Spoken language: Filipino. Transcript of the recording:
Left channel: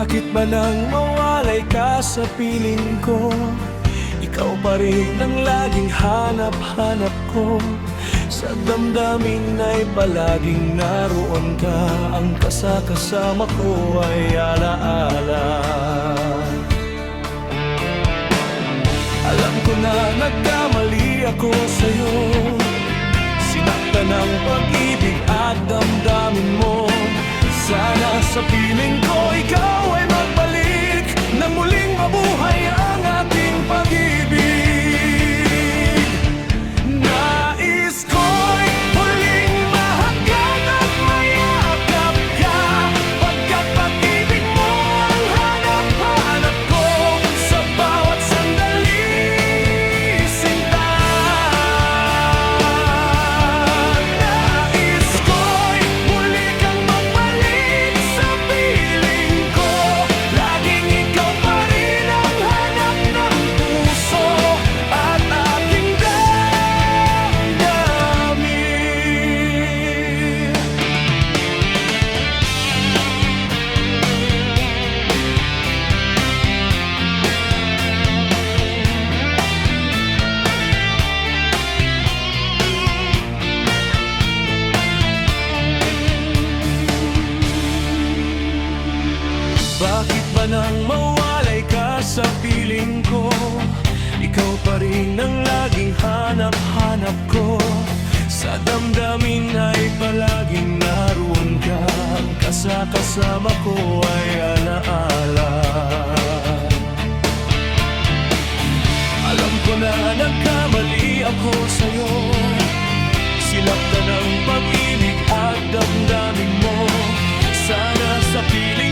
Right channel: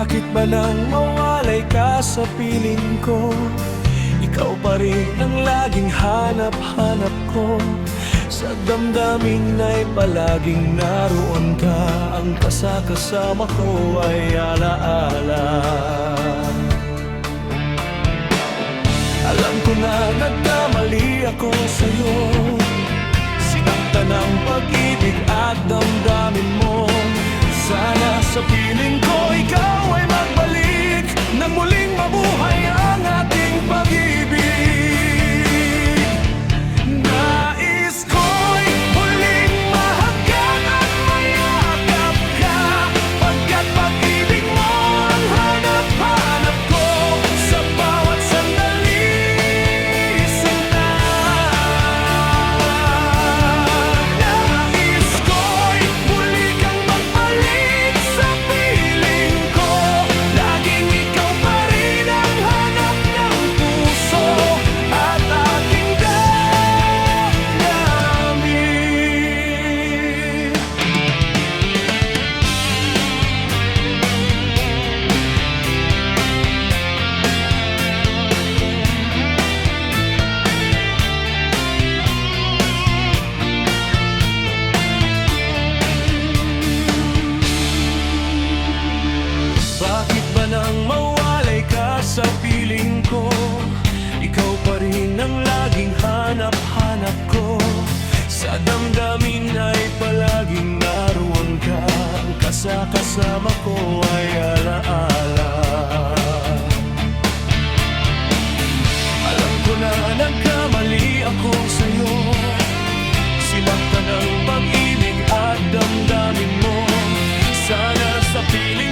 Bakit ba nang mawalay ka sa piling ko? Ikaw pa rin ang laging hanap-hanap ko. Sa damdamin ay palaging naroon ka. Ang kasama ko ay alaala. Alam ko na nagkamali ako sa'yo. Sinaktan ng pag-ibig at damdamin mo. Sana sa piling ko ikaw ay magbalik, nang muling mabuhay ang ating pag-ibig. Nais ko'y muling mahagat at mayakap ka, pagkat pag-ibig mo ang hanap-hanap ko sa bawat sandali, sinta. Nais ko'y muli kang magbalik sa piling ko. Laging ikaw pa rin ang hanap ng puso at aking damdamin. Bakit ba nang mawalay ka sa piling ko? Ikaw pa rin ang laging hanap-hanap ko. Sa damdamin ay palaging naroon ka. Ang kasama ko ay alaala. Alam ko na nagkamali ako sa'yo. Sinaktan ng pag-ibig at damdamin mo. Sana sa piling